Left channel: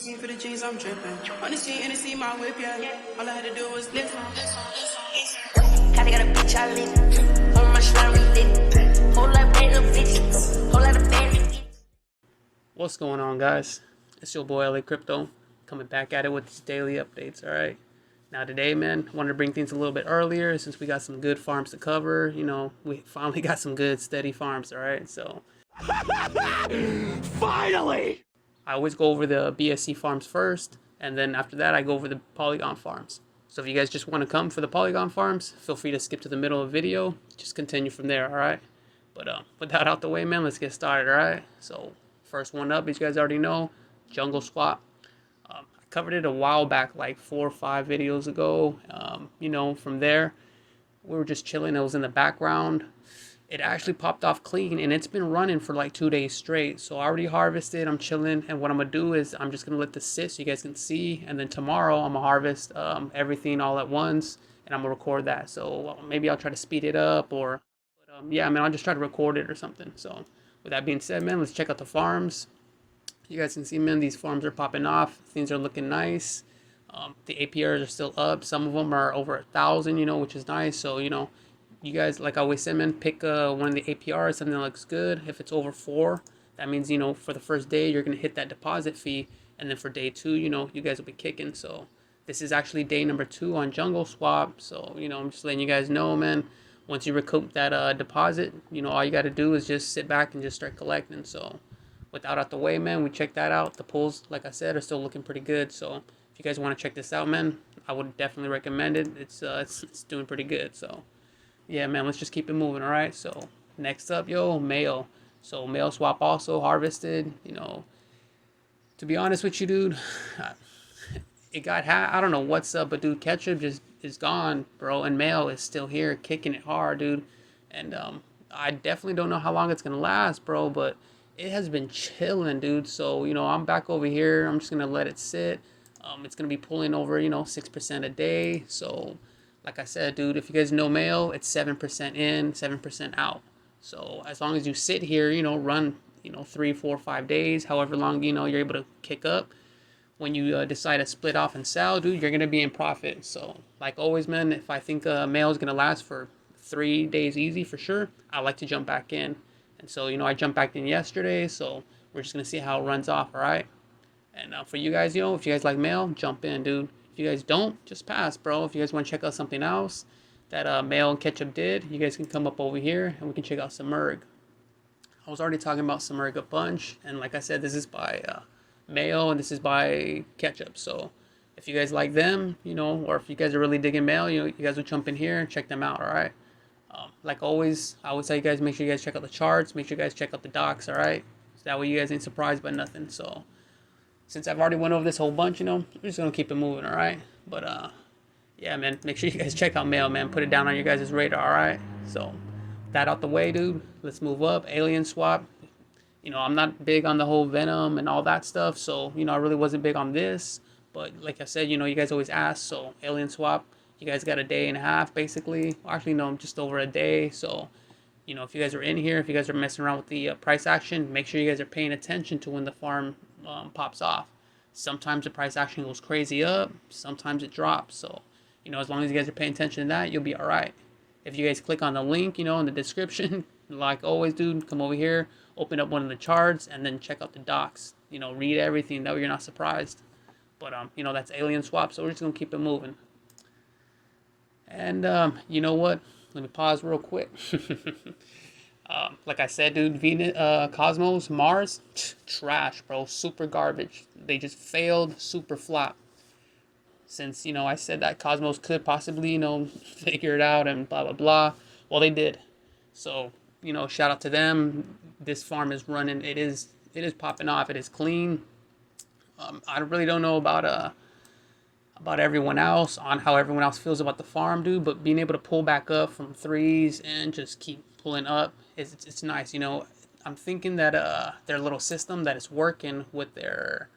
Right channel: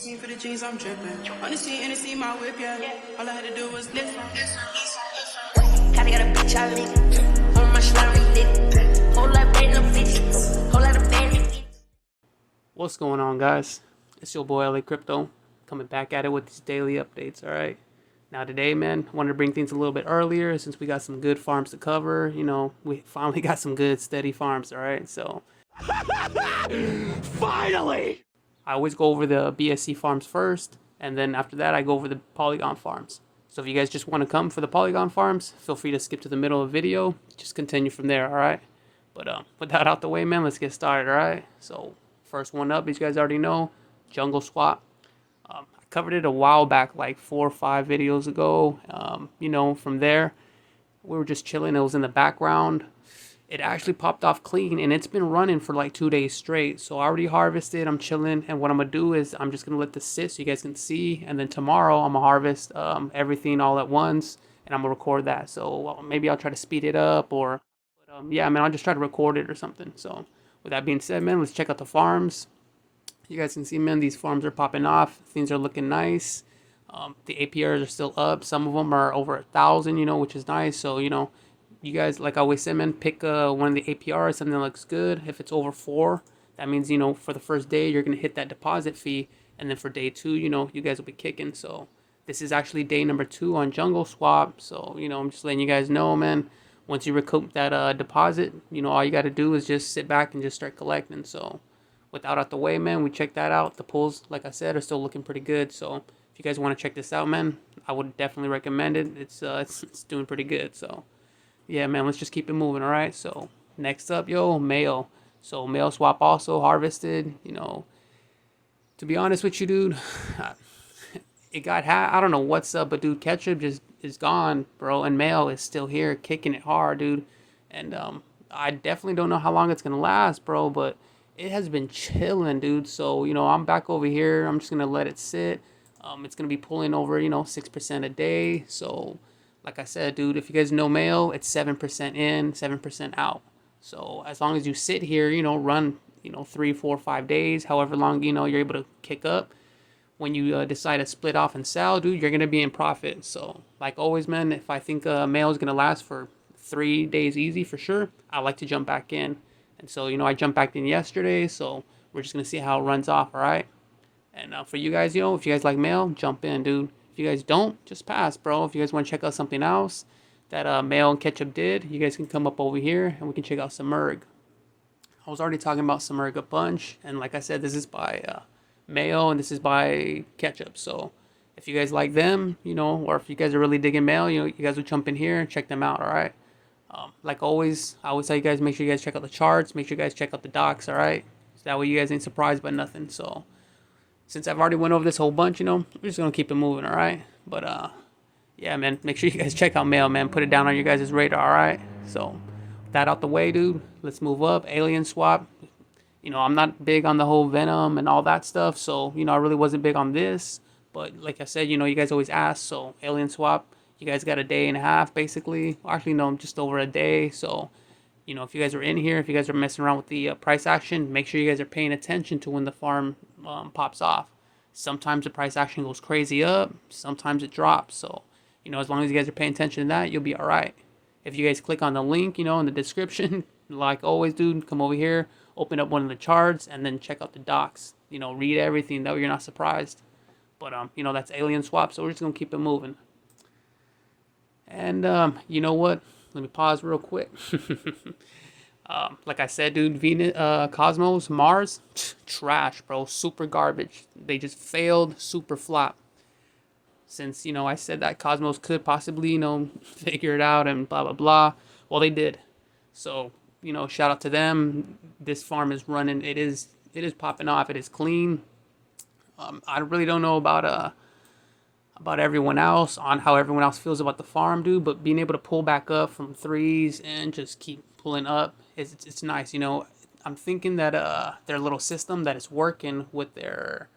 For the jeans, I'm dripping. On the scene, and see my whip, yeah. All I had to do was lift. Kinda got a bitch I lit. On my slime, we lit. Whole lot of random bitches. Whole lot of bandits. What's going on, guys? It's your boy LA Crypto coming back at it with these daily updates. All right. Now today, man, I wanted to bring things a little bit earlier since we got some good farms to cover. You know, we finally got some good steady farms. All right. So finally, I always go over the BSC farms first, and then after that, I go over the Polygon farms. So if you guys just want to come for the Polygon farms, feel free to skip to the middle of the video. Just continue from there, all right? But with that out the way, man, let's get started, all right? So first one up, as you guys already know, Jungle Swap. I covered it a while back, like 4 or 5 videos ago. You know, from there, we were just chilling. It was in the background. It actually popped off clean, and it's been running for like 2 days straight. So I already harvested. I'm chilling, and what I'm gonna do is I'm just gonna let this sit so you guys can see, and then tomorrow I'm gonna harvest everything all at once, and I'm gonna record that. So maybe I'll try to speed it up, or yeah, man, I'll just try to record it or something. So with that being said, man, let's check out the farms. You guys can see, man, these farms are popping off. Things are looking nice. The APRs are still up. Some of them are over 1,000, you know, which is nice. So, you know, you guys, like I always say, man, pick one of the APRs, something that looks good. If it's over 4, that means, you know, for the first day, you're going to hit that deposit fee. And then for day 2, you know, you guys will be kicking. So this is actually day number 2 on Jungle Swap. So, you know, I'm just letting you guys know, man, once you recoup that deposit, you know, all you got to do is just sit back and just start collecting. So with that out the way, man, we checked that out. The pulls, like I said, are still looking pretty good. So if you guys want to check this out, man, I would definitely recommend it. It's doing pretty good. So yeah, man, let's just keep it moving, all right? So next up, Mayo. So Mayo Swap also harvested. You know, to be honest with you, dude, it got I don't know what's up, but dude, Ketchup just is gone, bro, and Mayo is still here, kicking it hard, dude. And I definitely don't know how long it's gonna last, bro, but it has been chilling, dude. So, you know, I'm back over here. I'm just gonna let it sit. It's gonna be pulling over, you know, 6% a day. So like I said, dude, if you guys know Mayo, it's 7% in, 7% out. So as long as you sit here, you know, run, you know, 3, 4, 5 days, however long, you know, you're able to kick up. When you decide to split off and sell, dude, you're going to be in profit. So like always, man, if I think Mayo is going to last for 3 days easy for sure, I like to jump back in. And so, you know, I jumped back in yesterday. So we're just going to see how it runs off. All right. And for you guys, you know, if you guys like Mayo, jump in, dude. If you guys don't, just pass, bro. If you guys want to check out something else that Mayo and Ketchup did, you guys can come up over here and we can check out Simurgh. I was already talking about Simurgh a bunch, and like I said, this is by Mayo and this is by Ketchup. So if you guys like them, you know, or if you guys are really digging Mayo, you know, you guys will jump in here and check them out. All right. Like always, I always tell you guys, make sure you guys check out the charts, make sure you guys check out the docs. All right. So that way you guys ain't surprised by nothing. So since I've already went over this whole bunch, you know, I'm just gonna keep it moving, all right? But yeah, man, make sure you guys check out Mayo, man. Put it down on your guys' radar, all right? So that out the way, dude. Let's move up. Alien Swap. You know, I'm not big on the whole Venom and all that stuff, so you know, I really wasn't big on this. But like I said, you know, you guys always ask. So Alien Swap, you guys got a day and a half, basically. Actually, no, just over a day. So you know, if you guys are in here, if you guys are messing around with the price action, make sure you guys are paying attention to when the farm pops off. Sometimes the price action goes crazy up, sometimes it drops. So, you know, as long as you guys are paying attention to that, you'll be all right. If you guys click on the link, you know, in the description, like always, dude, come over here, open up one of the charts, and then check out the docs. You know, read everything. That way you're not surprised. But, you know, that's Alien Swap, so we're just going to keep it moving. And, you know what? Let me pause real quick. Like I said, dude, Venus, Cosmos, Mars, trash, bro. Super garbage. They just failed, super flop. Since, you know, I said that Cosmos could possibly, you know, figure it out and blah, blah, blah. Well, they did. So, you know, shout out to them. This farm is running. It is popping off. It is clean. I really don't know about everyone else, on how everyone else feels about the farm, dude, but being able to pull back up from 3s and just keep pulling up, it's nice. You know, I'm thinking that their little system that is working with their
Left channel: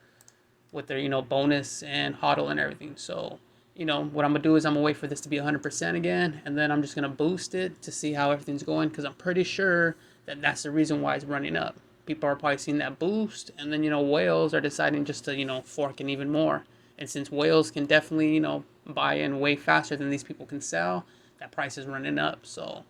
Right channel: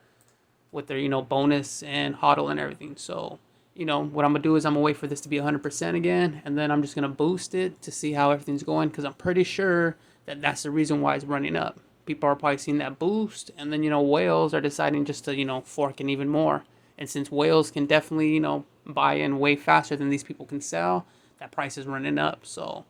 you know, bonus and hodl and everything. So, you know, what I'm gonna do is I'm gonna wait for this to be 100% again, and then I'm just gonna boost it to see how everything's going, because I'm pretty sure that that's the reason why it's running up. people are probably seeing that boost, and then, whales are deciding just to, fork in even more. And since whales can definitely, buy in way faster than these people can sell, that price is running up. So,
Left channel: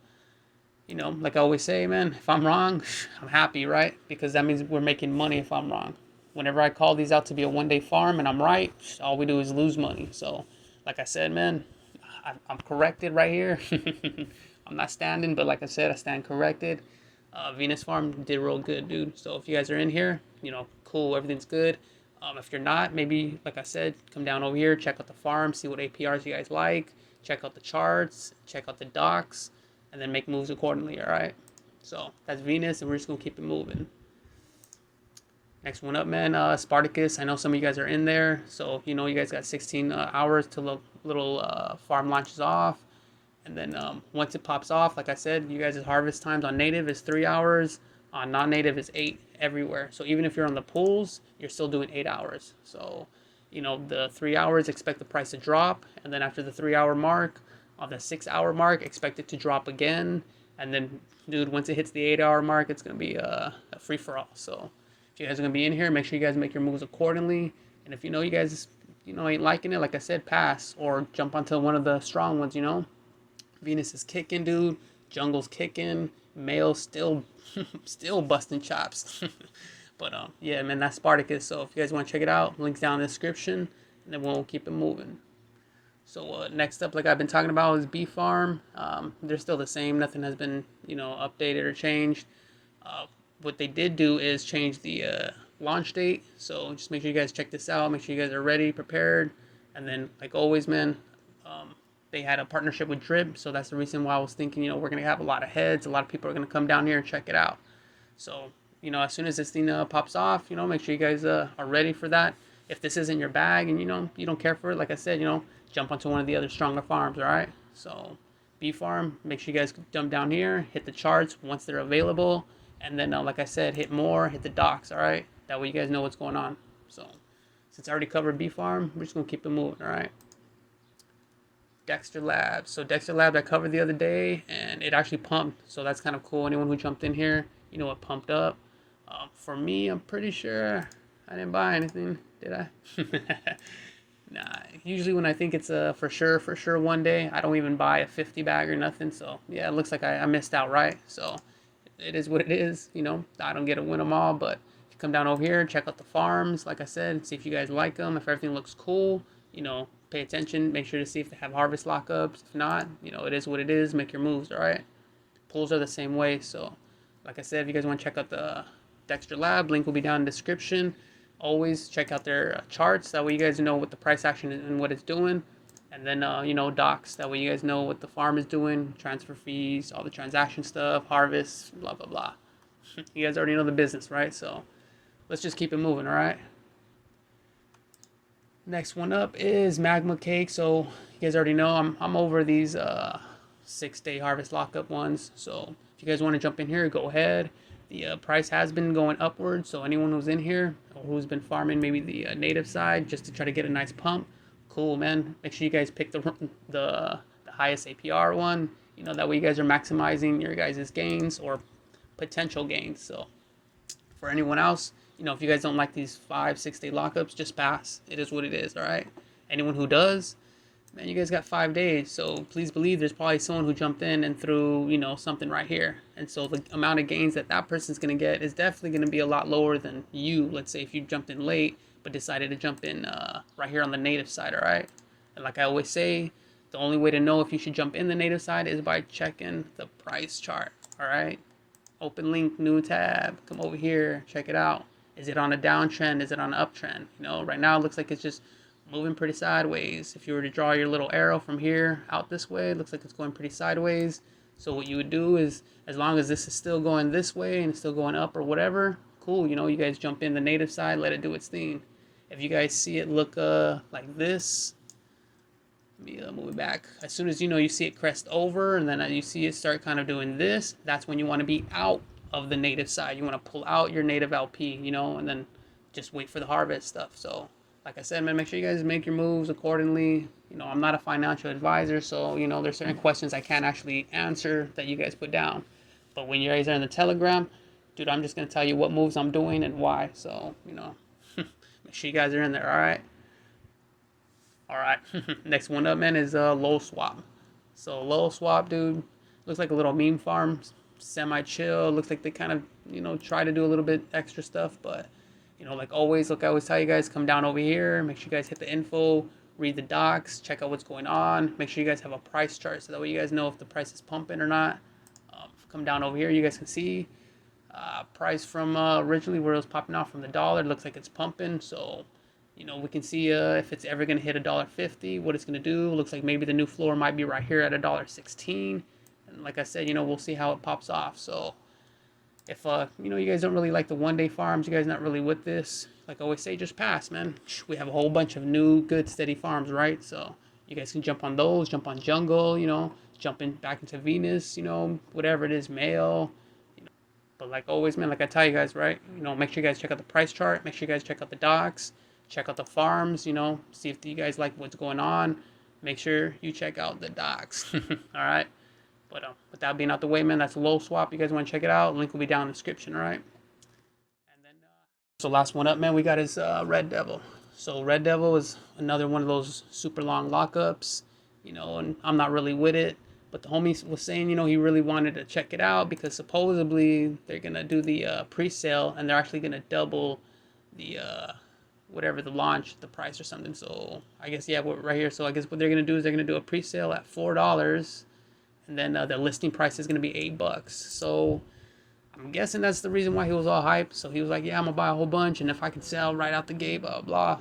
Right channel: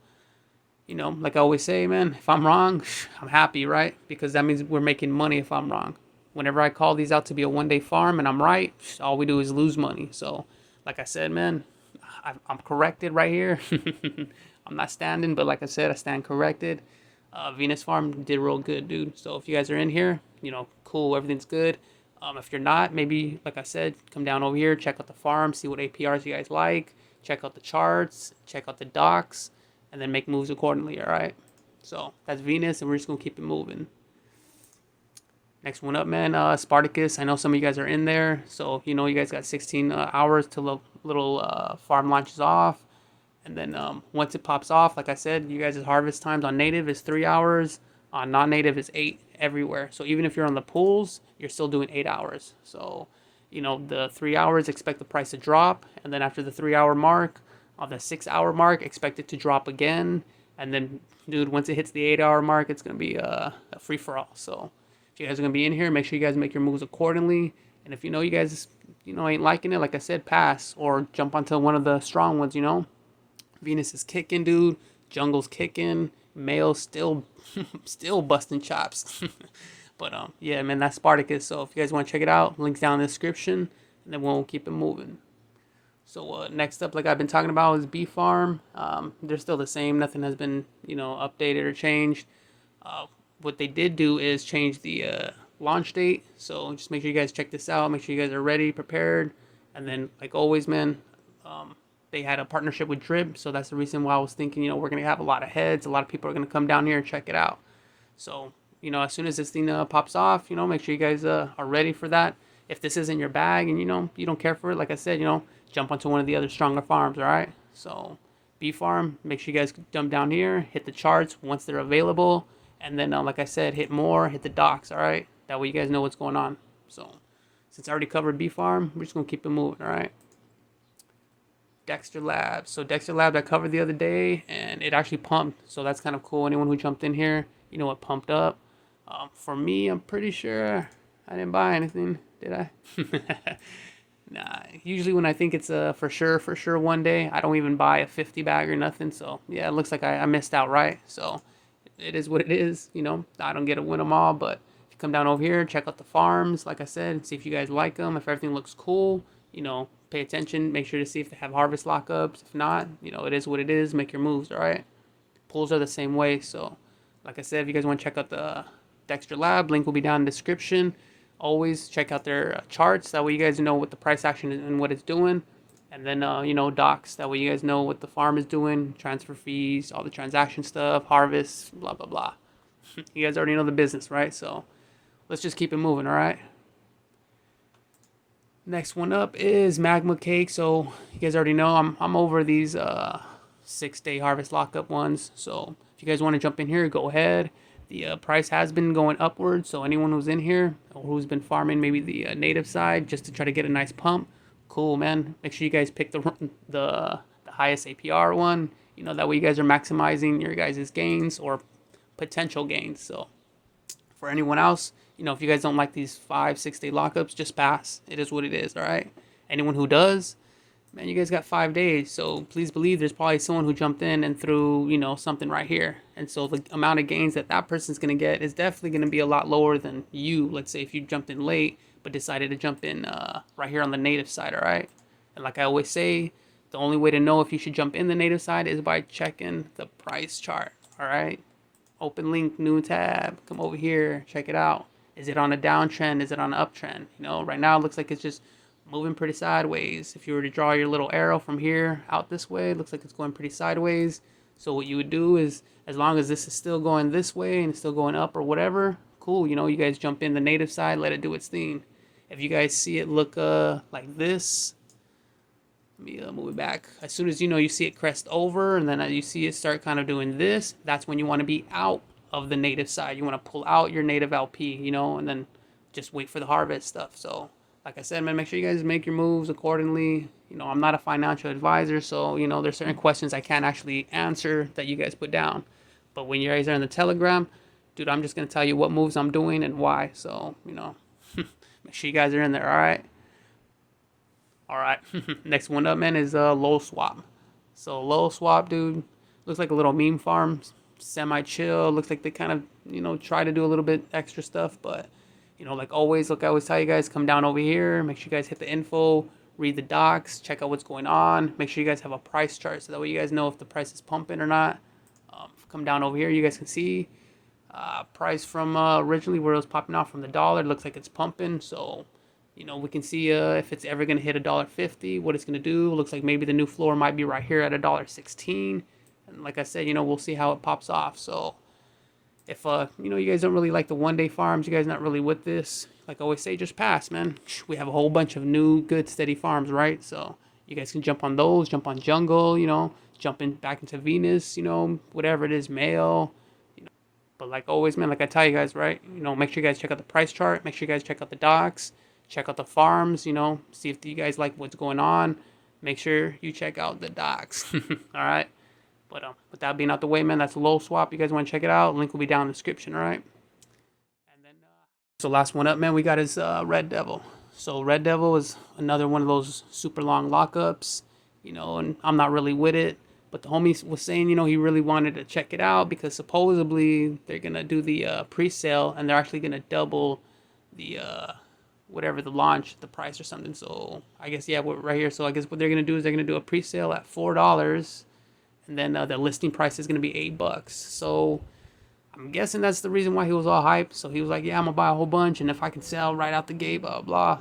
like I always say, man, if I'm wrong, I'm happy, right? Because that means we're making money if I'm wrong. Whenever I call these out to be a one-day farm and I'm right, all we do is lose money. So, like I said, man, I'm corrected right here. I'm not standing, but like I said, I stand corrected. Venus Farm did real good, dude. So if you guys are in here, cool, everything's good. If you're not, maybe, like I said, come down over here, check out the farm, see what APRs you guys like, check out the charts, check out the docs, and then make moves accordingly, all right? So that's Venus, and we're just going to keep it moving. Next one up, man, Sparticus. I know some of you guys are in there, so you guys got 16 hours till the little farm launches off. And then once it pops off, like I said, you guys' harvest times on native is 3 hours, on non-native is 8 everywhere. So even if you're on the pools, you're still doing 8 hours. So, the 3 hours, expect the price to drop, and then after the 3 hour mark, on the 6 hour mark, expect it to drop again. And then, dude, once it hits the 8 hour mark, it's going to be a free-for-all. So if you guys are going to be in here, make sure you guys make your moves accordingly. And if you guys, ain't liking it, like I said, pass or jump onto one of the strong ones, Venus is kicking, dude. Jungle's kicking. Mayo's still busting chops. But, yeah, man, that's Sparticus. So if you guys want to check it out, link's down in the description. And then we'll keep it moving. So next up, like I've been talking about, is B Farm. They're still the same. Nothing has been, updated or changed. What they did do is change the launch date. So just make sure you guys check this out. Make sure you guys are ready, prepared. And then, like always, man, they had a partnership with Drip. So that's the reason why I was thinking, we're going to have a lot of heads. A lot of people are going to come down here and check it out. So, as soon as this thing pops off, make sure you guys are ready for that. If this isn't your bag and, you don't care for it, like I said, jump onto one of the other stronger farms, all right? So B Farm, make sure you guys jump down here, hit the charts once they're available. And then, like I said, hit more, hit the docs, all right? That way you guys know what's going on. So, since I already covered B Farm, we're just going to keep it moving, all right? Dexter Labs. So, Dexter Labs I covered the other day, and it actually pumped. So, that's kind of cool. Anyone who jumped in here, it pumped up. For me, I'm pretty sure I didn't buy anything, did I? Nah, usually when I think it's for sure one day, I don't even buy a 50 bag or nothing. So, yeah, it looks like I missed out, right? So, it is what it is, I don't get to win them all, but if you come down over here, check out the farms, like I said, see if you guys like them. If everything looks cool, pay attention, make sure to see if they have harvest lockups. If not, it is what it is, make your moves, all right? Pools are the same way. So, like I said, if you guys want to check out the Dexter Lab, link will be down in the description. Always check out their charts, that way you guys know what the price action is and what it's doing. And then, docs, that way you guys know what the farm is doing, transfer fees, all the transaction stuff, harvest, blah, blah, blah. You guys already know the business, right? So let's just keep it moving, all right? Next one up is Magma Cake. So you guys already know I'm over these 6-day harvest lockup ones. So if you guys want to jump in here, go ahead. The price has been going upwards. So anyone who's in here or who's been farming maybe the native side just to try to get a nice pump, cool, man. Make sure you guys pick the highest APR one. That way you guys are maximizing your guys' gains or potential gains. So for anyone else, if you guys don't like these 5-6 day lockups, just pass. It is what it is, all right? Anyone who does, man, you guys got 5 days. So please believe there's probably someone who jumped in and threw, something right here. And so the amount of gains that person's going to get is definitely going to be a lot lower than you. Let's say if you jumped in late, but decided to jump in right here on the native side, all right? And like I always say, the only way to know if you should jump in the native side is by checking the price chart, all right? Open link, new tab, come over here, check it out. Is it on a downtrend? Is it on an uptrend? Right now it looks like it's just moving pretty sideways. If you were to draw your little arrow from here out this way, it looks like it's going pretty sideways. So what you would do is, as long as this is still going this way and it's still going up or whatever, cool, you guys jump in the native side, let it do its thing. If you guys see it look like this, let me move it back. As soon as you see it crest over and then you see it start kind of doing this, that's when you want to be out of the native side. You want to pull out your native LP, and then just wait for the harvest stuff. So like I said, man, make sure you guys make your moves accordingly. I'm not a financial advisor, so there's certain questions I can't actually answer that you guys put down. But when you guys are in the Telegram, dude, I'm just going to tell you what moves I'm doing and why. So, you know, make sure you guys are in there, all right? All right. Next one up, man, is LolSwap. So LolSwap, dude, looks like a little meme farm, semi-chill. Looks like they kind of, you know, try to do a little bit extra stuff. But, you know, like always, look, I always tell you guys, come down over here. Make sure you guys hit the info, read the docs, check out what's going on. Make sure you guys have a price chart so that way you guys know if the price is pumping or not. Come down over here, you guys can see price from originally where it was popping off from the dollar. It looks like it's pumping. So, you know, we can see if it's ever going to hit $1.50, what it's going to do. Looks like maybe the new floor might be right here at $1.16. And like I said, you know, we'll see how it pops off. So if, you know, you guys don't really like the one-day farms, you guys not really with this, like I always say, just pass, man. We have a whole bunch of new, good, steady farms, right? So you guys can jump on those, jump on Jungle, you know, back into Venus, you know, whatever it is, Mayo. You know. But like always, man, like I tell you guys, right? You know, make sure you guys check out the price chart. Make sure you guys check out the docs. Check out the farms, you know, see if you guys like what's going on. Make sure you check out the docs. All right. But with that being out the way, man, that's LolSwap. You guys want to check it out? Link will be down in the description, all right? And then, so last one up, man, we got is Reddevil. So Reddevil is another one of those super long lockups, you know, and I'm not really with it. But the homie was saying, you know, he really wanted to check it out because supposedly they're going to do the pre-sale and they're actually going to double the whatever the launch, the price or something. So I guess, yeah, right here. So I guess what they're going to do is they're going to do a pre-sale at $4. And then the listing price is going to be $8. So I'm guessing that's the reason why he was all hyped. So he was like, yeah, I'm going to buy a whole bunch. And if I can sell right out the gate, blah, blah.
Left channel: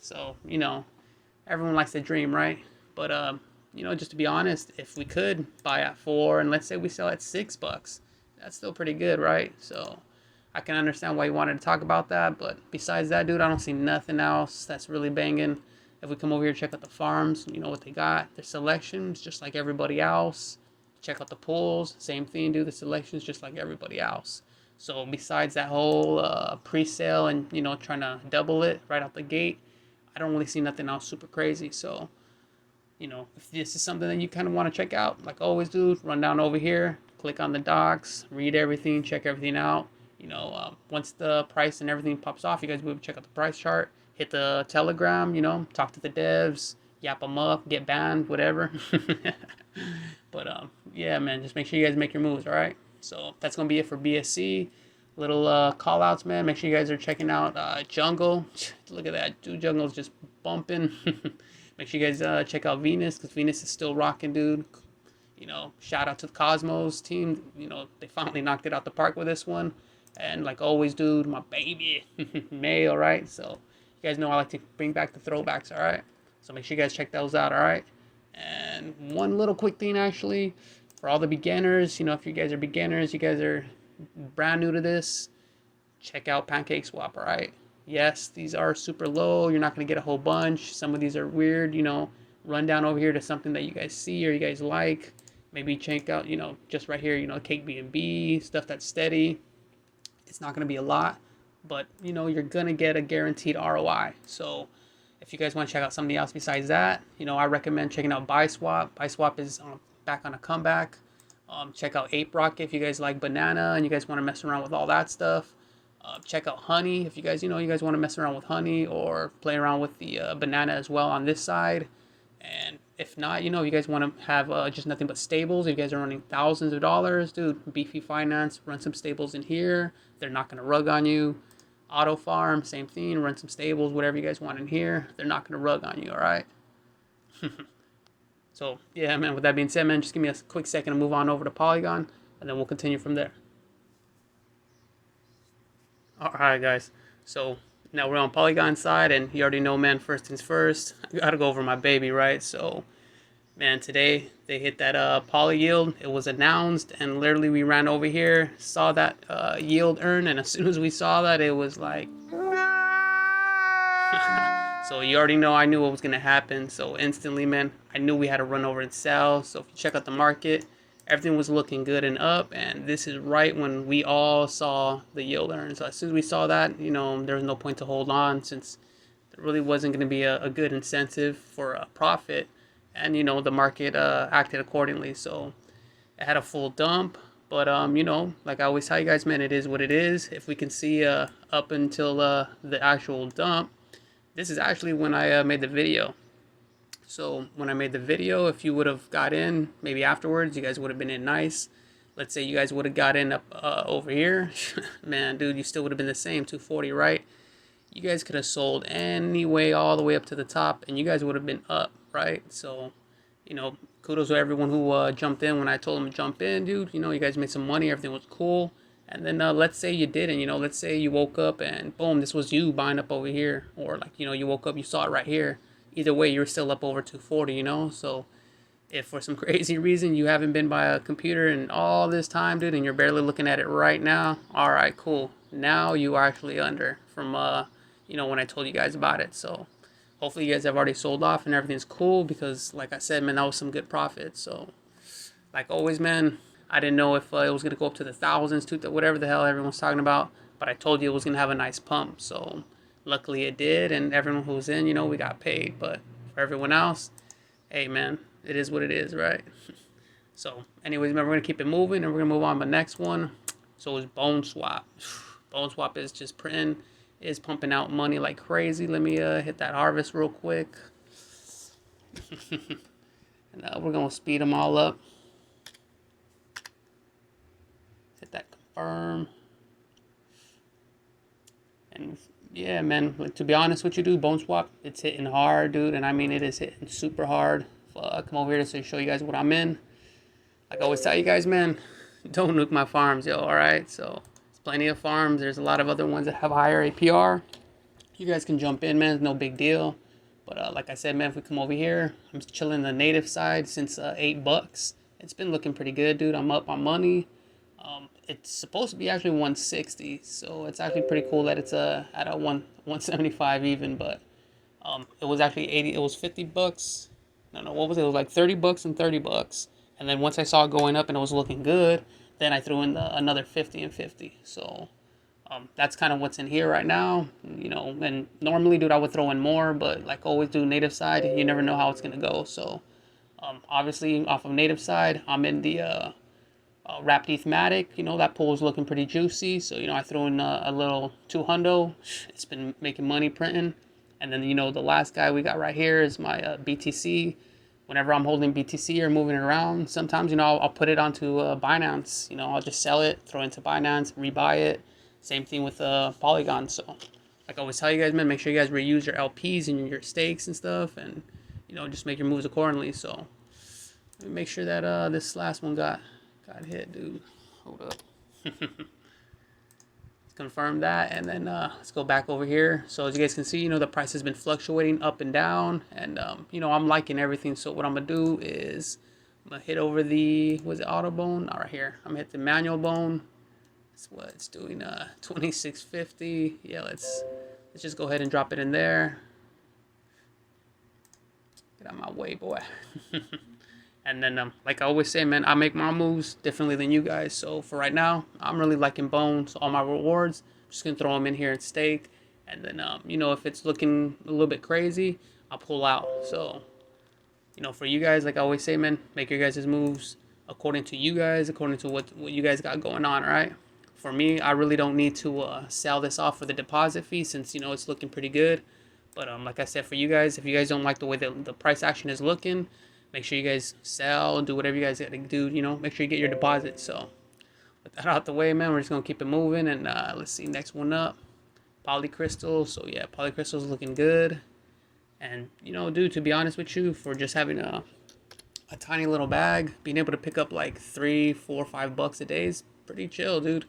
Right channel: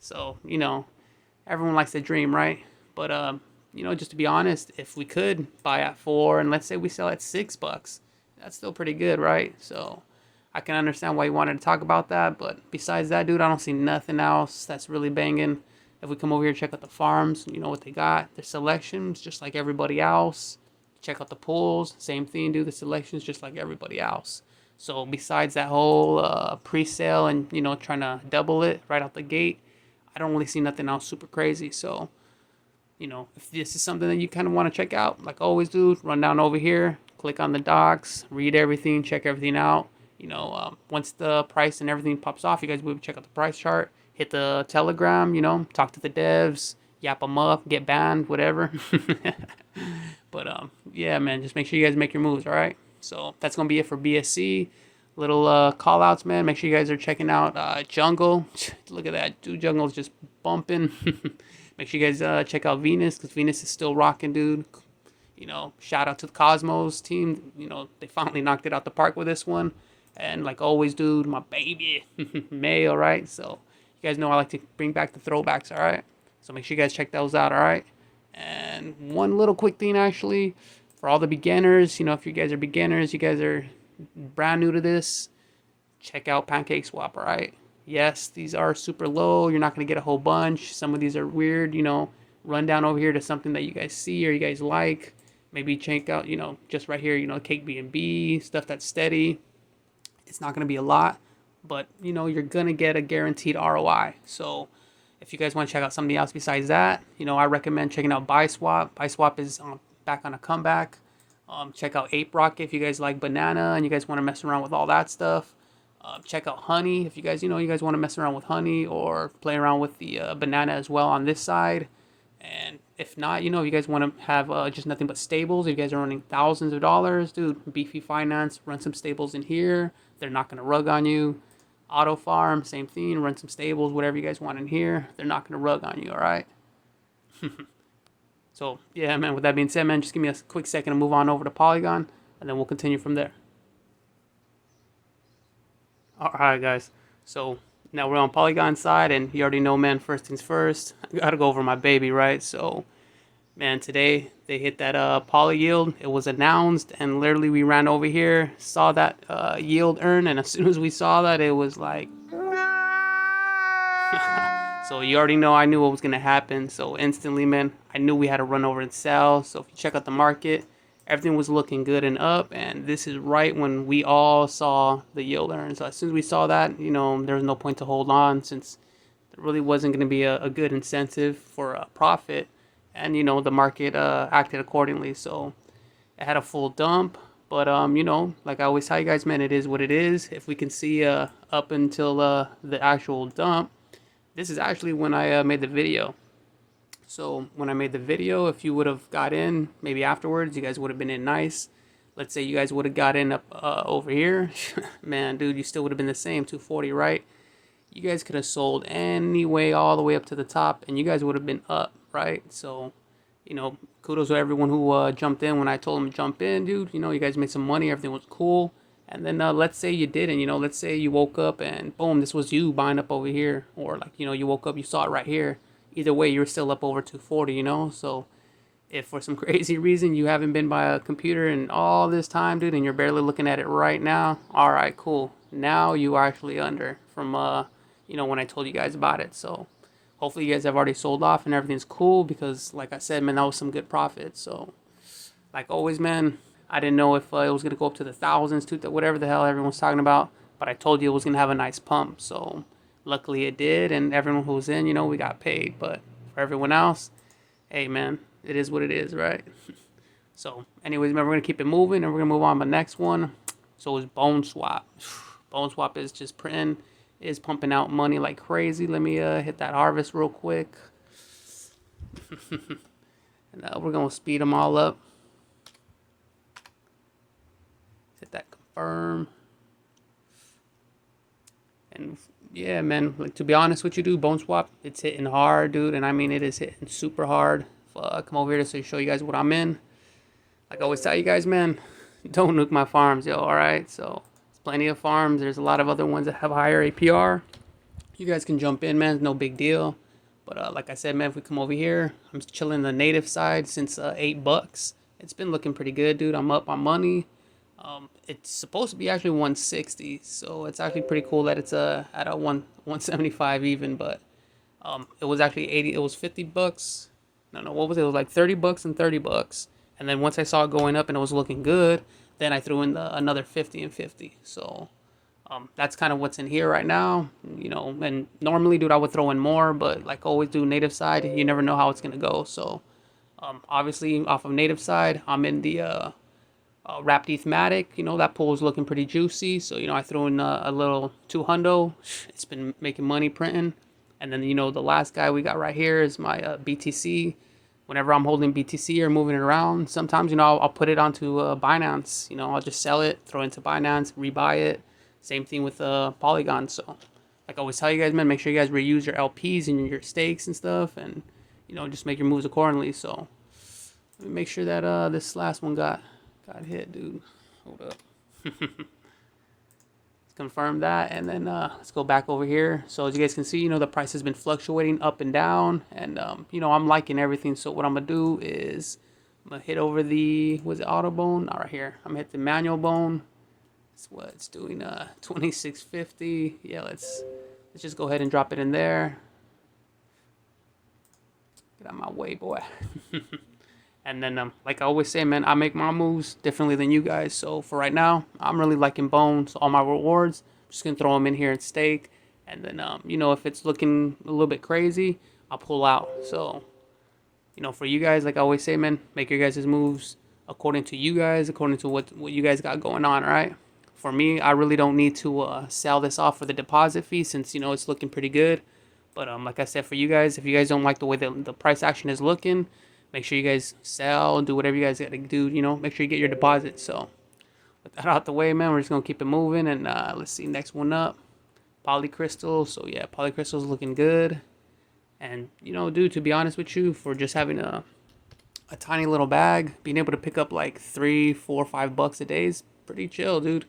So, you know, everyone likes to dream, right? But, you know, just to be honest, if we could buy at $4 and let's say we sell at $6, that's still pretty good, right? So I can understand why you wanted to talk about that. But besides that, dude, I don't see nothing else that's really banging. If we come over here, check out the farms, you know what they got. Their selections, just like everybody else. Check out the pools, same thing, do the selections just like everybody else. So besides that whole pre-sale and, you know, trying to double it right out the gate, I don't really see nothing else super crazy. So, you know, if this is something that you kind of want to check out, like always do, run down over here, click on the docs, read everything, check everything out. You know, once the price and everything pops off, you guys will check out the price chart, hit the Telegram, you know, talk to the devs, yap them up, get banned, whatever. But, yeah, man, just make sure you guys make your moves, all right? So that's going to be it for BSC. Little call-outs, man. Make sure you guys are checking out Jungle. Look at that. Dude, Jungle's just bumping. Make sure you guys check out Venus, because Venus is still rocking, dude. You know, shout out to the Cosmos team. You know, they finally knocked it out the park with this one. And like always, dude, my baby, Mayo, right? So you guys know I like to bring back the throwbacks, all right? So make sure you guys check those out, all right? And one little quick thing, actually, for all the beginners, you know, if you guys are beginners, you guys are brand new to this, check out PancakeSwap, all right? Yes, these are super low. You're not going to get a whole bunch. Some of these are weird, you know. Run down over here to something that you guys see or you guys like. Maybe check out, you know, just right here, you know, Cake B&B, stuff that's steady. It's not going to be a lot, but, you know, you're going to get a guaranteed ROI. So if you guys want to check out something else besides that, you know, I recommend checking out BuySwap. BuySwap is back on a comeback. Check out Ape Rocket if you guys like banana and you guys want to mess around with all that stuff. Check out Honey if you guys, you know, you guys want to mess around with Honey or play around with the banana as well on this side. And if not, you know, you guys want to have just nothing but stables. If you guys are running thousands of dollars, dude, Beefy Finance, run some stables in here. They're not going to rug on you. Auto Farm, same thing. Run some stables, whatever you guys want in here. They're not going to rug on you, all right? So, yeah, man, with that being said, man, just give me a quick second to move on over to Polygon, and then we'll continue from there. All right, guys. So now we're on Polygon side, and you already know, man, first things first. I got to go over my baby, right? So, man, today they hit that PolyYeld. It was announced, and literally we ran over here, saw that yield earn, and as soon as we saw that, it was like... So you already know I knew what was going to happen. So instantly, man, I knew we had to run over and sell. So if you check out the market, everything was looking good and up. And this is right when we all saw the yield earn. So as soon as we saw that, you know, there was no point to hold on since there really wasn't going to be a good incentive for a profit. And, you know, the market acted accordingly. So it had a full dump. But you know, like I always tell you guys, man, it is what it is. If we can see up until the actual dump, this is actually when I made the video. So when I made the video, if you would have got in maybe afterwards, you guys would have been in nice. Let's say you guys would have got in up over here, man, dude, you still would have been the same 240, right? You guys could have sold anyway all the way up to the top, and you guys would have been up, right? So, you know, kudos to everyone who jumped in when I told them to jump in, dude. You know, you guys made some money, everything was cool. And then let's say you didn't, you know, let's say you woke up and boom, this was you buying up over here, or like, you know, you woke up, you saw it right here. Either way, you're still up over 240, you know. So if for some crazy reason you haven't been by a computer in all this time, dude, and you're barely looking at it right now, all right, cool. Now you are actually under from you know, when I told you guys about it. So hopefully you guys have already sold off and everything's cool, because like I said, man, that was some good profit. So like always, man, I didn't know if it was gonna go up to the thousands, to whatever the hell everyone's talking about, but I told you it was gonna have a nice pump. So luckily it did, and everyone who was in, you know, we got paid. But for everyone else, hey man, it is what it is, right? So anyways, man, we're gonna keep it moving, and we're gonna move on to the next one. So it's BoneSwap. BoneSwap is just printing, is pumping out money like crazy. Let me hit that harvest real quick. And we're gonna speed them all up. Hit that confirm. And yeah, man, like, to be honest with you, dude, BoneSwap, it's hitting hard, dude. And I mean, it is hitting super hard. Come over here to show you guys what I'm in. Like I always tell you guys, man, don't nuke my farms, yo, alright? So, there's plenty of farms. There's a lot of other ones that have higher APR. You guys can jump in, man. It's no big deal. But like I said, man, if we come over here, I'm chilling the native side since $8. It's been looking pretty good, dude. I'm up on money. It's supposed to be actually 160, so it's actually pretty cool that it's at a 175 even. But it was actually 80. It was $50. No, what was it? It was like $30 and $30. And then once I saw it going up and it was looking good, then I threw in another 50 and 50. So that's kind of what's in here right now, you know. And normally, dude, I would throw in more, but like always do native side, you never know how it's gonna go. So obviously off of native side, I'm in the wrapped ethmatic. You know, that pool is looking pretty juicy. So, you know, I threw in a little 200. It's been making money printing. And then, you know, the last guy we got right here is my BTC. Whenever I'm holding BTC or moving it around, sometimes, you know, I'll put it onto Binance. You know, I'll just sell it, throw it into Binance, rebuy it. Same thing with Polygon. So, like I always tell you guys, man, make sure you guys reuse your LPs and your stakes and stuff, and, you know, just make your moves accordingly. So, let me make sure that this last one got hit, dude. Hold up. Confirm that, and then let's go back over here. So as you guys can see, you know, the price has been fluctuating up and down, and you know, I'm liking everything. So what I'm gonna do is I'm gonna hit over the, was it auto bone? All right, here I'm gonna hit the manual bone. That's what it's doing. 2650. Yeah, let's just go ahead and drop it in there. Get out of my way, boy. And then, like I always say, man, I make my moves differently than you guys. So for right now, I'm really liking Bone. So all my rewards, I'm just going to throw them in here and stake. And then, you know, if it's looking a little bit crazy, I'll pull out. So, you know, for you guys, like I always say, man, make your guys' moves according to you guys, according to what you guys got going on, right? For me, I really don't need to sell this off for the deposit fee, since, you know, it's looking pretty good. But like I said, for you guys, if you guys don't like the way the price action is looking, make sure you guys sell, do whatever you guys got to do, you know, make sure you get your deposit. So with that out the way, man, we're just going to keep it moving. And let's see, next one up, PolyCrystal. So yeah, PolyCrystal is looking good. And, you know, dude, to be honest with you, for just having a tiny little bag, being able to pick up like $3, $4, $5 a day is pretty chill, dude.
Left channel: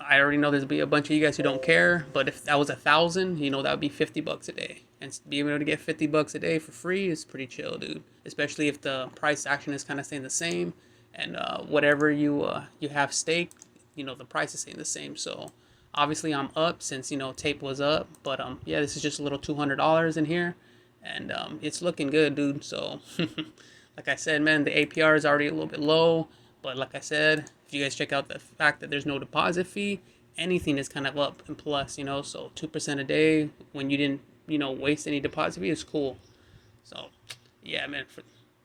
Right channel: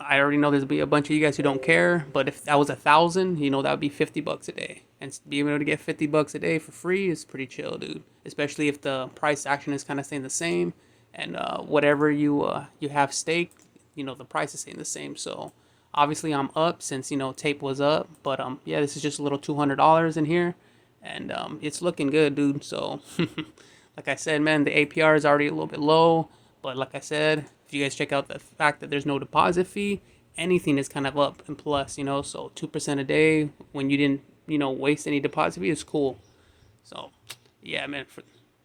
I already know there's be a bunch of you guys who don't care, but if that was 1,000, you know, that would be $50 a day. And being able to get $50 a day for free is pretty chill, dude. Especially if the price action is kind of staying the same, and whatever you have staked, you know, the price is staying the same. So obviously I'm up since, you know, tape was up, but yeah, this is just a little $200 in here, and it's looking good, dude. So like I said, man, the APR is already a little bit low, but like I said, if you guys check out the fact that there's no deposit fee, anything is kind of up and plus, you know. So 2% a day when you didn't, you know, waste any deposit fee is cool. So yeah, man.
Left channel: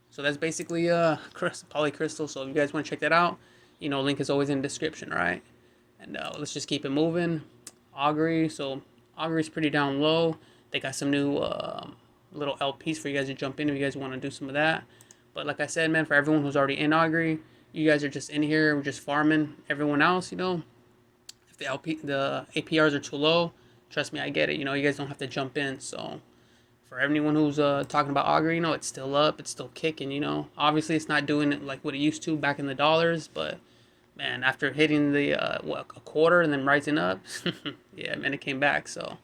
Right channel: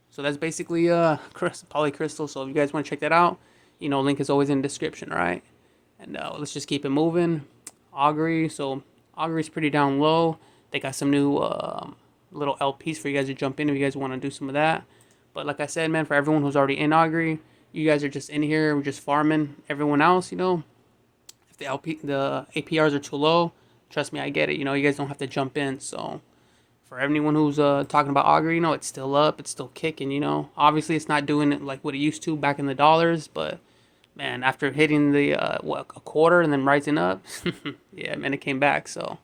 So that's basically PolyCrystal. So if you guys want to check that out, You know, link is always in the description, all right? And let's just keep it moving. Augury, so Augury's pretty down low. They got some new little LPs for you guys to jump in if you guys want to do some of that. But like I said, man, for everyone who's already in Augury, you guys are just in here, we're just farming. Everyone else, you know, if the APRs are too low, trust me, I get it. You know, you guys don't have to jump in. So for anyone who's talking about Augury, you know, it's still up, it's still kicking. You know, obviously it's not doing it like what it used to back in the dollars, but man, after hitting the a quarter and then rising up, yeah, man, it came back. So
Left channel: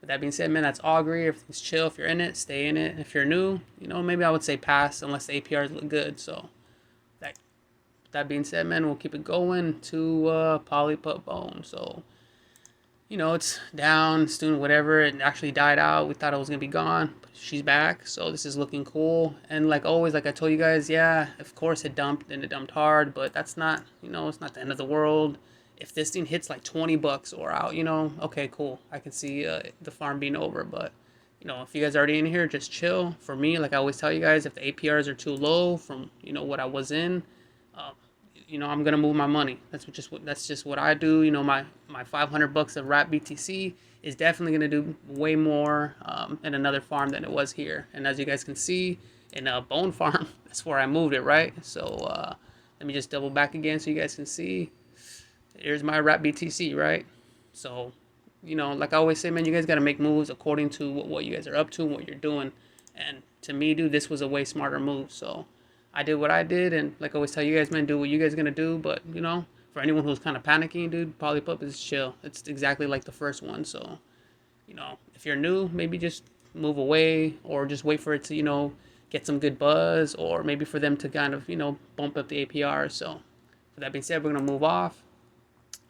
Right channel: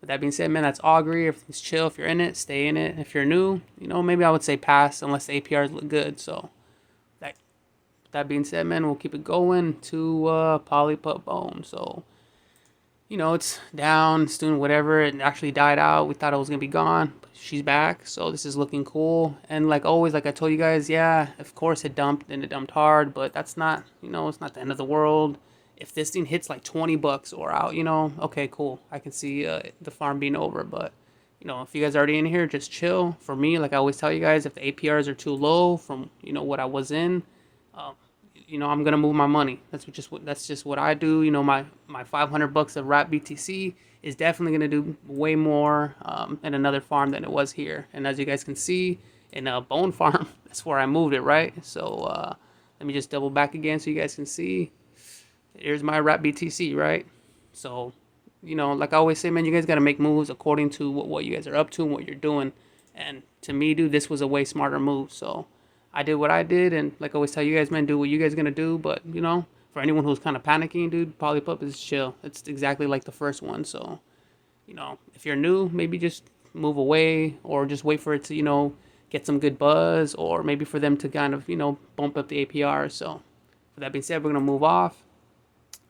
with that being said, man, that's Augury. Everything's chill. If you're in it, stay in it. If you're new, you know, maybe I would say pass unless the APRs look good. So that being said, man, we'll keep it going to PolyPup Bone. So, you know, it's down, it's doing whatever. It actually died out. We thought it was going to be gone, but she's back. So this is looking cool. And like always, like I told you guys, yeah, of course it dumped and it dumped hard, but that's not, you know, it's not the end of the world. If this thing hits like 20 bucks or out, you know, okay, cool. I can see the farm being over, but you know, if you guys are already in here, just chill. For me, like I always tell you guys, if the APRs are too low from, you know, what I was in, you know, I'm gonna move my money. That's just what I do. You know, my 500 bucks of wrap BTC is definitely gonna do way more in another farm than it was here. And as you guys can see, in a bone farm, that's where I moved it, right? So let me just double back again so you guys can see. Here's my wrap BTC, right? So, you know, like I always say, man, you guys gotta make moves according to what you guys are up to and what you're doing. And to me, dude, this was a way smarter move. So I did what I did, and like I always tell you guys, man, do what you guys gonna do. But you know, for anyone who's kind of panicking, dude, PolyPup is chill. It's exactly like the first one. So, you know, if you're new, maybe just move away or just wait for it to, you know, get some good buzz, or maybe for them to kind of, you know, bump up the APR. So, with that being said, we're gonna move off.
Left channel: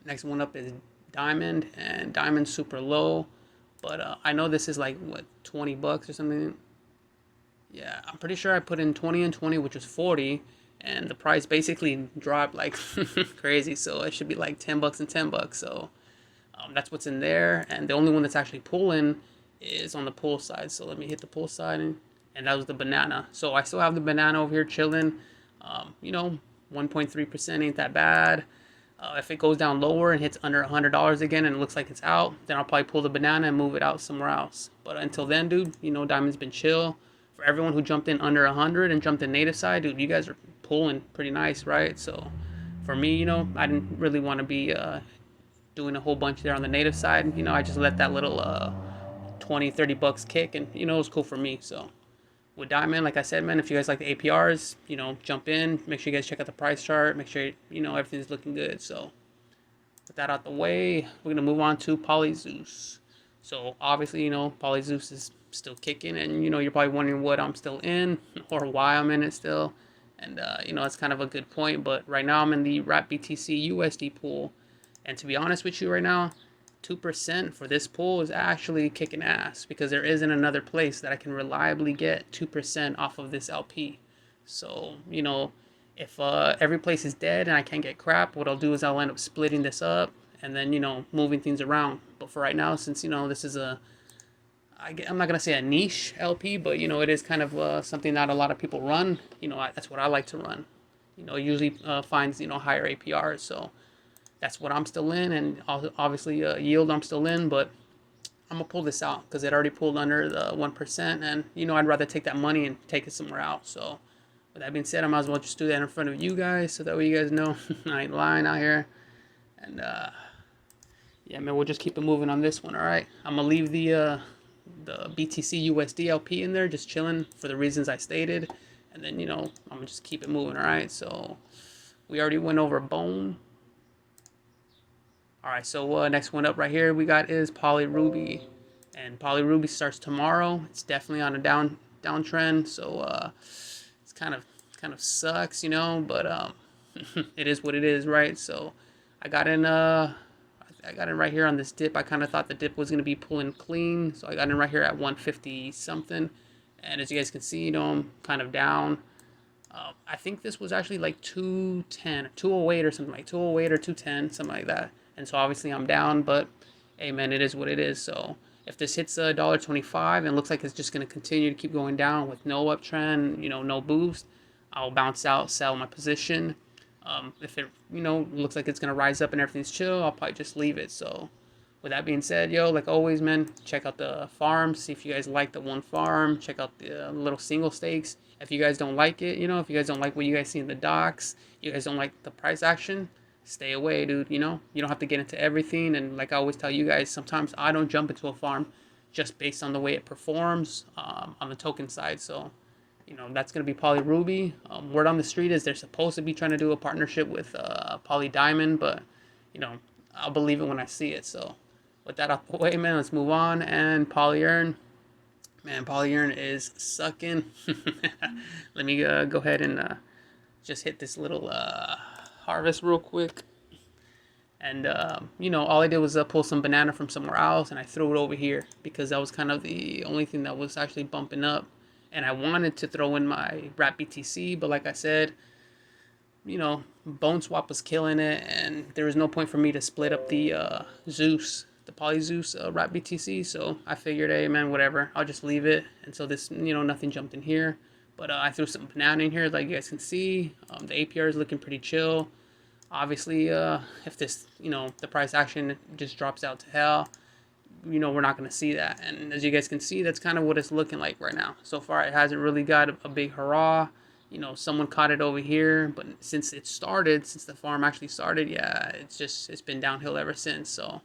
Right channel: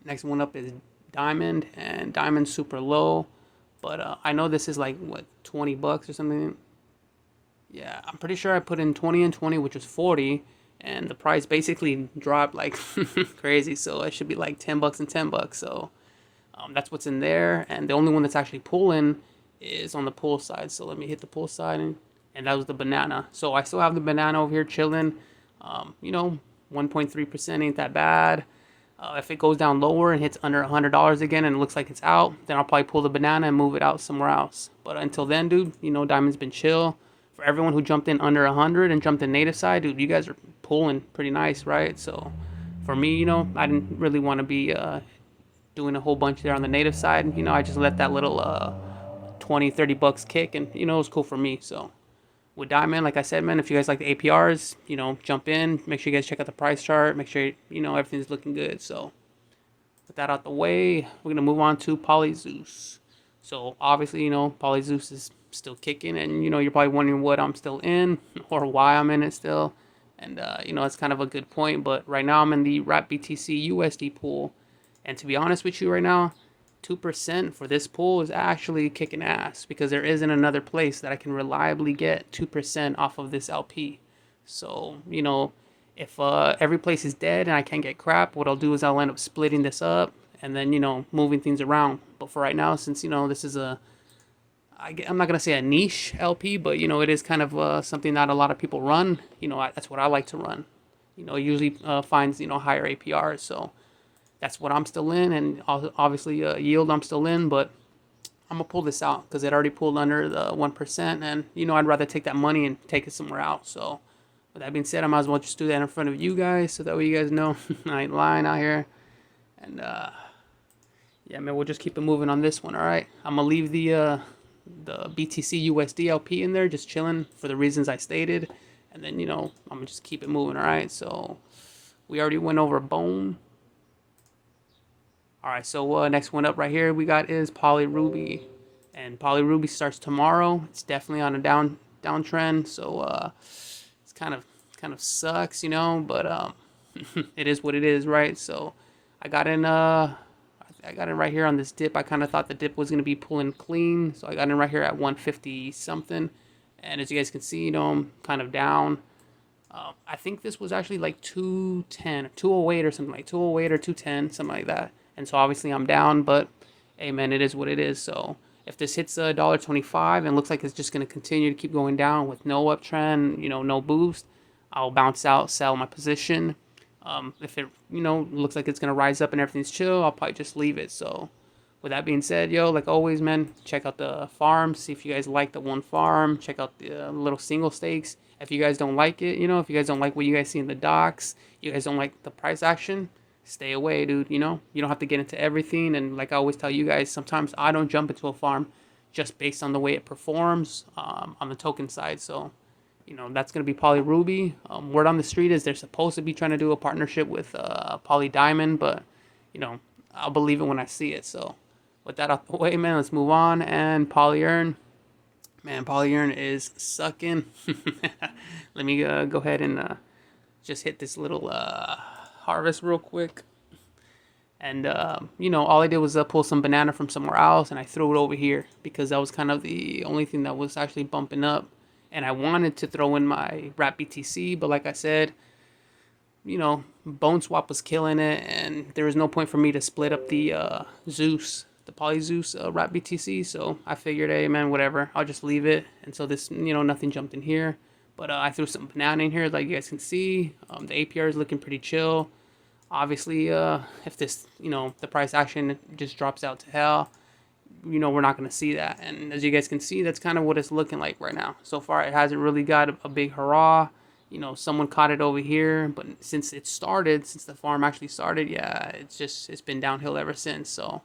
Next one up is Diamond, and Diamond's super low, but I know this is like what 20 bucks or something. Yeah, I'm pretty sure I put in 20 and 20, which was 40, and the price basically dropped like crazy. So it should be like 10 bucks and 10 bucks. So that's what's in there, and the only one that's actually pulling is on the pull side. So let me hit the pull side, and that was the banana. So I still have the banana over here chilling. You know, 1.3% ain't that bad. If it goes down lower and hits under $100 again and it looks like it's out, then I'll probably pull the banana and move it out somewhere else. But until then, dude, you know, Diamond's been chill. For everyone who jumped in under 100 and jumped in native side, dude, you guys are pulling pretty nice, right? So for me, you know, I didn't really want to be doing a whole bunch there on the native side. You know, I just let that little 20, 30 bucks kick, and you know, it was cool for me. So with Diamond, like I said, man, if you guys like the APRs, you know, jump in. Make sure you guys check out the price chart. Make sure, you know, everything's looking good. So with that out the way, we're gonna move on to Zeus. So obviously, you know, Zeus is still kicking, and you know, you're probably wondering what I'm still in or why I'm in it still. And you know, it's kind of a good point. But right now, I'm in the wrap BTC USD pool, and to be honest with you, right now, 2% for this pool is actually kicking ass, because there isn't another place that I can reliably get 2% off of this LP. So, you know, if every place is dead and I can't get crap, what I'll do is I'll end up splitting this up and then, you know, moving things around. But for right now, since, you know, this is I'm not going to say a niche LP, but, you know, it is kind of something that a lot of people run. You know, that's what I like to run. You know, usually finds, you know, higher APRs. So that's what I'm still in, and obviously yield I'm still in, but I'm gonna pull this out because it already pulled under the 1%, and you know, I'd rather take that money and take it somewhere out. So with that being said, I might as well just do that in front of you guys so that way you guys know I ain't lying out here. And yeah, man, we'll just keep it moving on this one. All right, I'm gonna leave the BTC USD LP in there, just chilling for the reasons I stated, and then, you know, I'm gonna just keep it moving. All right, so we already went over Bone. All right, so next one up right here we got is PolyRuby, and PolyRuby starts tomorrow. It's definitely on a downtrend, so it's kind of sucks, you know, but it is what it is, right? So I got in right here on this dip. I kind of thought the dip was gonna be pulling clean, so I got in right here at 150 something, and as you guys can see, you know, I'm kind of down. I think this was actually like 210, 208 or something, like 208 or 210, something like that. And so obviously I'm down, but hey, man, it is what it is. So if this hits $1.25 and looks like it's just going to continue to keep going down with no uptrend, you know, no boost, I'll bounce out, sell my position. If it, looks like it's going to rise up and everything's chill, I'll probably just leave it. So with that being said, yo, like always, man, check out the farms. See if you guys like the one farm. Check out the little single stakes. If you guys don't like it, if you guys don't like what you guys see in the docs, you guys don't like the price action, stay away, dude. You don't have to get into everything. And like I always tell you guys, sometimes I don't jump into a farm just based on the way it performs on the token side. So, that's going to be PolyRuby. Word on the street is they're supposed to be trying to do a partnership with PolyDiamond, but, I'll believe it when I see it. So, with that out the way, man, let's move on. And PolyEarn. Man, PolyEarn is sucking. Let me go ahead and just hit this little harvest real quick. And, all I did was pull some banana from somewhere else, and I threw it over here because that was kind of the only thing that was actually bumping up. And I wanted to throw in my wrap BTC, but like I said, BoneSwap was killing it, and there was no point for me to split up the Zeus, the PolyZeus wrap BTC. So I figured, hey, man, whatever, I'll just leave it. And so this, nothing jumped in here. But I threw some banana in here, like you guys can see. The APR is looking pretty chill. Obviously, if this, the price action just drops out to hell, we're not going to see that. And as you guys can see, that's kind of what it's looking like right now. So far, it hasn't really got a big hurrah. Someone caught it over here, but since the farm actually started, yeah, it's been downhill ever since. So,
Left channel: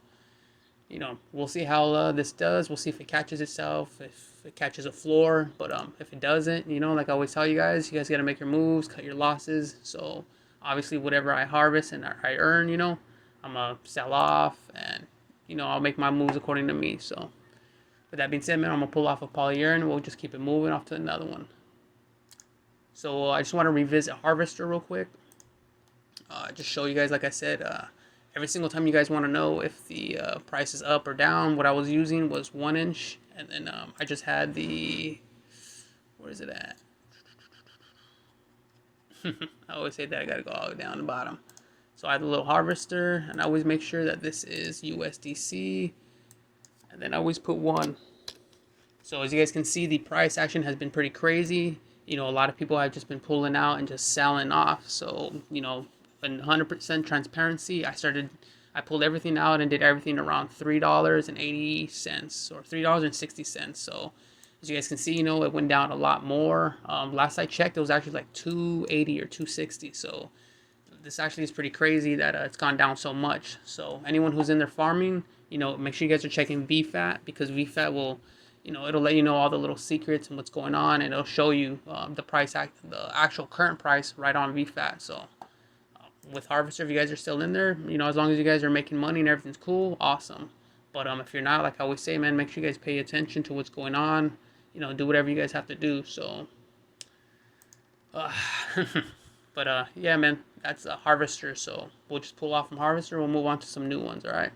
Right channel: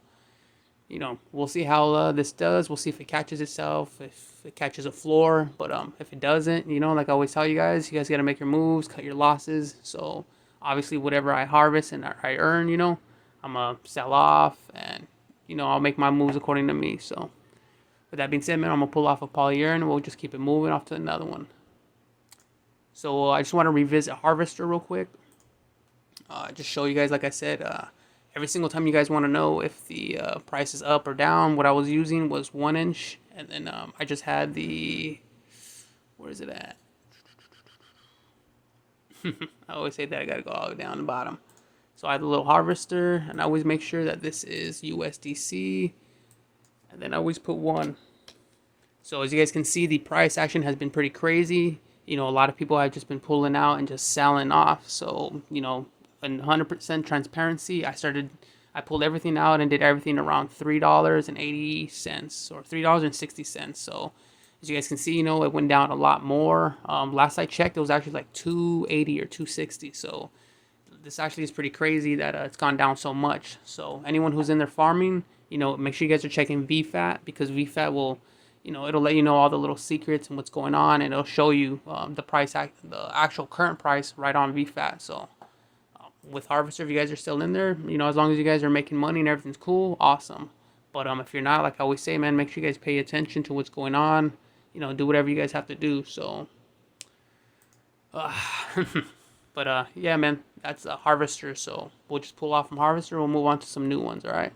we'll see how this does. We'll see if it catches itself, if it catches a floor. But if it doesn't, like I always tell you guys got to make your moves, cut your losses. So obviously, whatever I harvest and I earn, I'm gonna sell off, and I'll make my moves according to me. So with that being said, man, I'm gonna pull off a PolyEarn, and we'll just keep it moving off to another one. So I just want to revisit Harvester real quick. Just show you guys, like I said, every single time you guys want to know if the price is up or down, what I was using was 1 inch, and then I just had the, where is it at? I always say that I gotta go all the way down the bottom. So I have the little harvester, and I always make sure that this is USDC, and then I always put 1. So as you guys can see, the price action has been pretty crazy. A lot of people have just been pulling out and just selling off. So, 100% transparency, I pulled everything out and did everything around $3.80 or $3.60. So as you guys can see, it went down a lot more. Last I checked, it was actually like $2.80 or $2.60. So this actually is pretty crazy that it's gone down so much. So anyone who's in there farming, make sure you guys are checking VFAT, because VFAT will, it'll let you know all the little secrets and what's going on, and it'll show you the actual current price right on VFAT. So with Harvester, if you guys are still in there, as long as you guys are making money and everything's cool, awesome. But if you're not, like I always say, man, make sure you guys pay attention to what's going on. Do whatever you guys have to do. So, but yeah, man, that's a Harvester. So we'll just pull off from Harvester. We'll move on to some new ones. All right.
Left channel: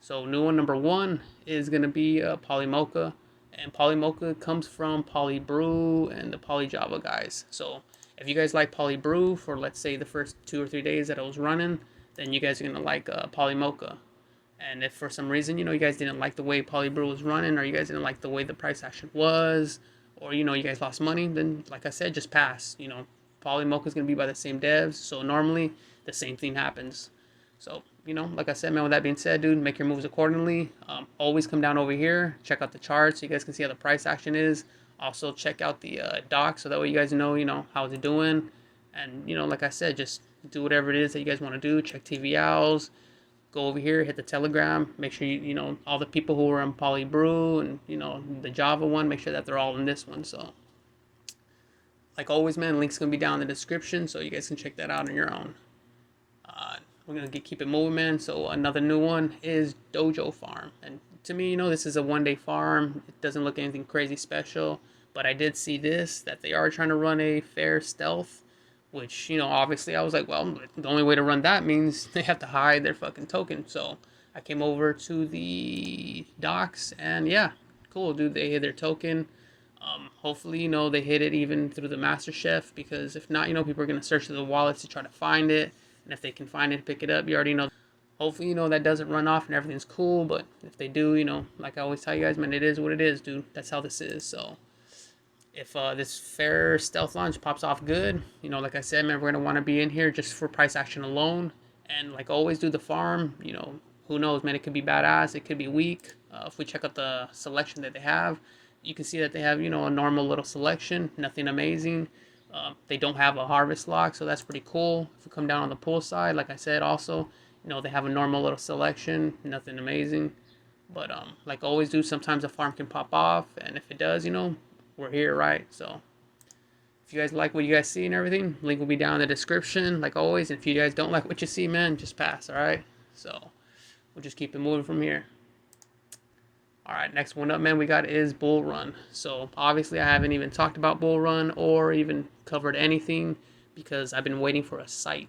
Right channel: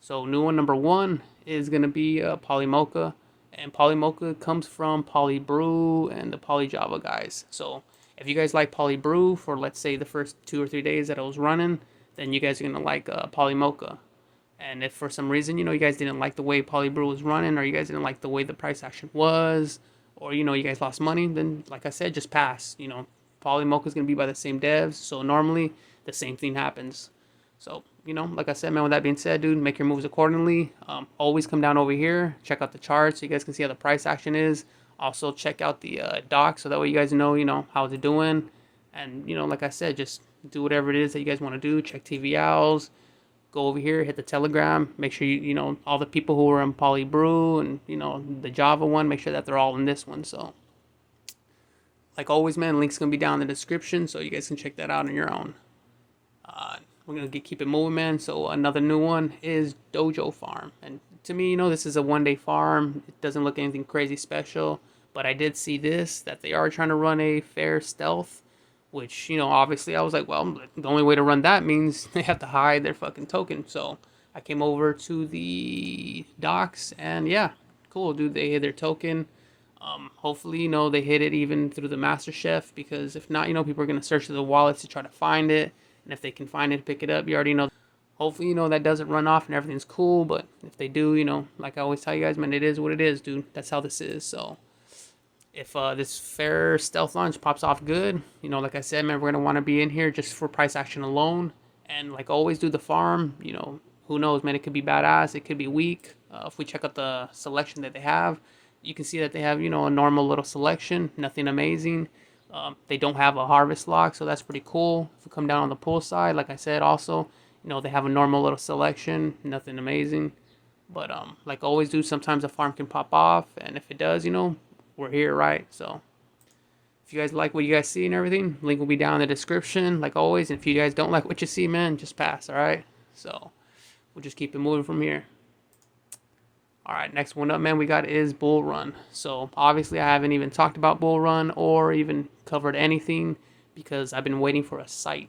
So new one number 1 is gonna be PolyMocha, and PolyMocha comes from PolyBrew and the PolyJava guys. So if you guys like PolyBrew for, let's say, the first 2 or 3 days that I was running, then you guys are gonna like PolyMocha. And if for some reason, you guys didn't like the way PolyBrew was running, or you guys didn't like the way the price action was, or, you guys lost money, then, like I said, just pass. PolyMocha is going to be by the same devs, so normally the same thing happens. So, like I said, man, with that being said, dude, make your moves accordingly. Always come down over here, check out the charts so you guys can see how the price action is. Also, check out the doc so that way you guys know, how it's doing. And, like I said, just do whatever it is that you guys want to do. Check TVLs. Go over here, hit the Telegram, make sure all the people who are in PolyBrew and the Java one, make sure that they're all in this one. So like always, man, link's gonna be down in the description, so you guys can check that out on your own. We're gonna keep it moving, man. So another new one is Dojo Farm, and to me, this is a 1-day farm. It doesn't look anything crazy special, but I did see that they are trying to run a fair stealth, which, obviously I was like, well, the only way to run that means they have to hide their fucking token. So I came over to the docs, and yeah, cool, dude, they hid their token. Hopefully, they hid it even through the master chef, because if not, people are going to search through the wallets to try to find it. And if they can find it, pick it up, you already know. Hopefully, that doesn't run off and everything's cool. But if they do, like I always tell you guys, man, it is what it is, dude. That's how this is. So If this fair stealth launch pops off good, you know, like I said, man, we're going to want to be in here just for price action alone. And like always, do the farm. You know, who knows, man, it could be badass, it could be weak. If we check out the selection that they have, you can see that they have, you know, a normal little selection, nothing amazing. They don't have a harvest lock, so that's pretty cool. If we come down on the pool side, like I said, also, you know, they have a normal little selection, nothing amazing. But like always do, sometimes a farm can pop off, and if it does, you know, we're here, right? So if you guys like what you guys see and everything, link will be down in the description, like always. And if you guys don't like what you see, man, just pass, all right? So we'll just keep it moving from here. All right, next one up, man, we got is Bullrun. So obviously I haven't even talked about Bullrun or even covered anything because I've been waiting for a site.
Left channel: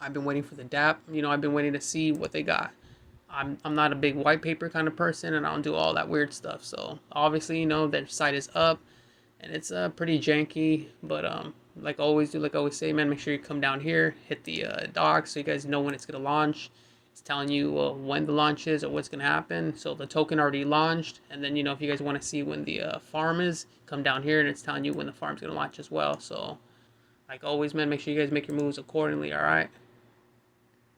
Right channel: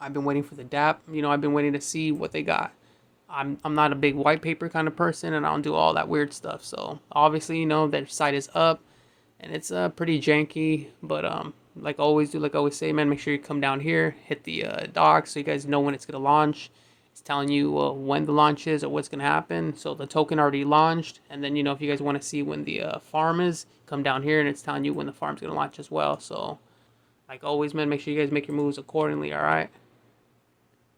I've been waiting for the DApp. You know, I've been waiting to see what they got. I'm not a big white paper kind of person, and I don't do all that weird stuff. So obviously, you know, their site is up, and it's pretty janky. But like always do, like I always say, man, make sure you come down here, hit the docs, so you guys know when it's gonna launch. It's telling you when the launch is or what's gonna happen. So the token already launched, and then, you know, if you guys want to see when the farm is, come down here, and it's telling you when the farm's gonna launch as well. So like always, man, make sure you guys make your moves accordingly. All right.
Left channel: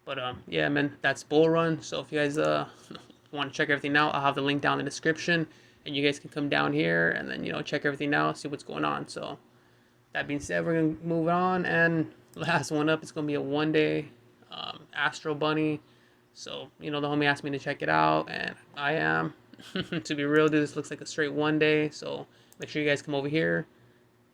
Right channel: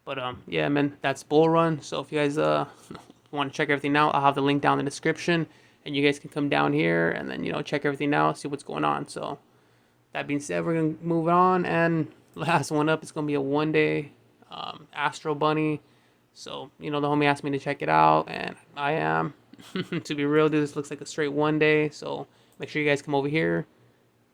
But yeah, man, that's Bullrun. So if you guys want to check everything out, I'll have the link down in the description, and you guys can come down here and then, you know, check everything out, see what's going on. So that being said, we're gonna move on, and last one up, it's gonna be a 1-day Astro Bunny. So, you know, the homie asked me to check it out, and I am. To be real, dude, this looks like a straight 1-day. So make sure you guys come over here,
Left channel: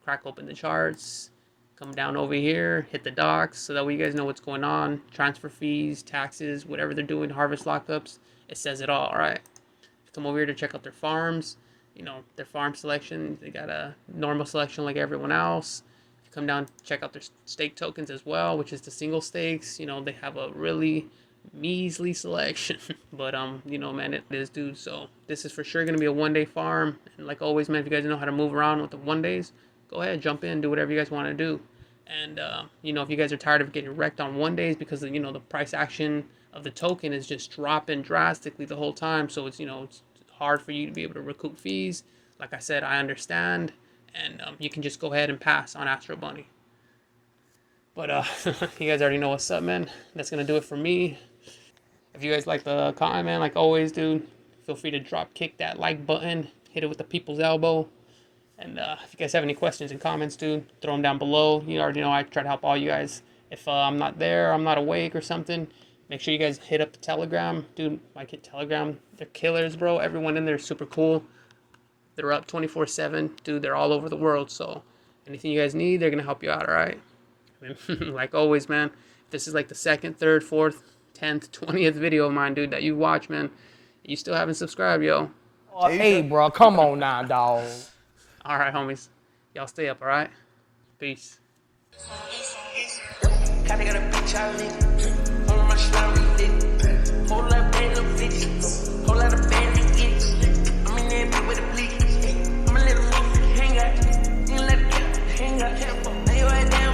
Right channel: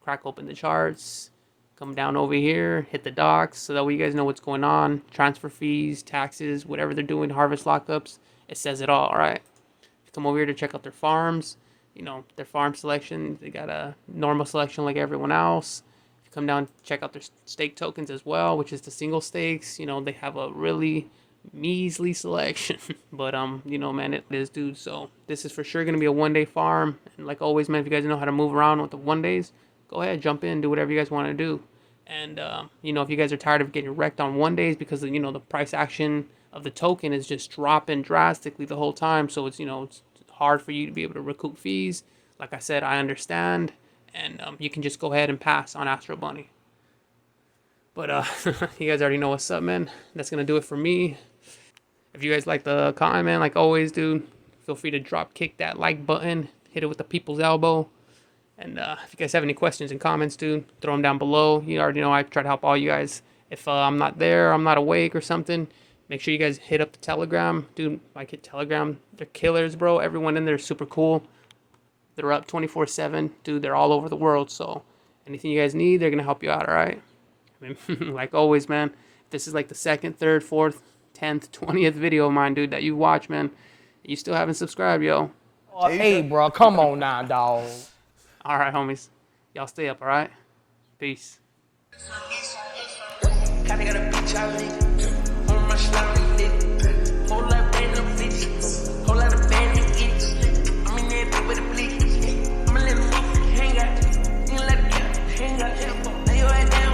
crack open the charts. Come down over here, hit the docs, so that way you guys know what's going on. Transfer fees, taxes, whatever they're doing, harvest lockups, it says it all right? Come over here to check out their farms. You know, their farm selection, they got a normal selection like everyone else. Come down, check out their stake tokens as well, which is the single stakes. You know, they have a really measly selection. But, you know, man, it is, dude. So this is for sure going to be a 1-day farm. And like always, man, if you guys know how to move around with the 1-days, go ahead, jump in, do whatever you guys want to do. And, you know, if you guys are tired of getting wrecked on 1-days because, you know, the price action of the token is just dropping drastically the whole time. So it's, you know, it's hard for you to be able to recoup fees. Like I said, I understand. And you can just go ahead and pass on Astro Bunny. But you guys already know what's up, man. That's going to do it for me. If you guys like the content, man, like always, dude, feel free to kick that like button. Hit it with the people's elbow. And if you guys have any questions and comments, dude, throw them down below. You already know I try to help all you guys. If I'm not there, I'm not awake or something, make sure you guys hit up the Telegram. Dude, like hit Telegram. They're killers, bro. Everyone in there is super cool. They're up 24/7. Dude, they're all over the world. So anything you guys need, they're going to help you out, all right? Like always, man, this is like the 2nd, 3rd, 4th, 10th, 20th video of mine, dude, that you watch, man. You still haven't subscribed, yo. Oh, hey, bro, come on now, dog. All right, homies. Y'all stay up, all right? Peace. Kinda got a bitch I live on my slime lit. Whole lot of random bitches, whole lot of band idiots. I'm in there bit with a bleak. I'm a little motherfucker hang out. You let the cat hang out. Lay your head down.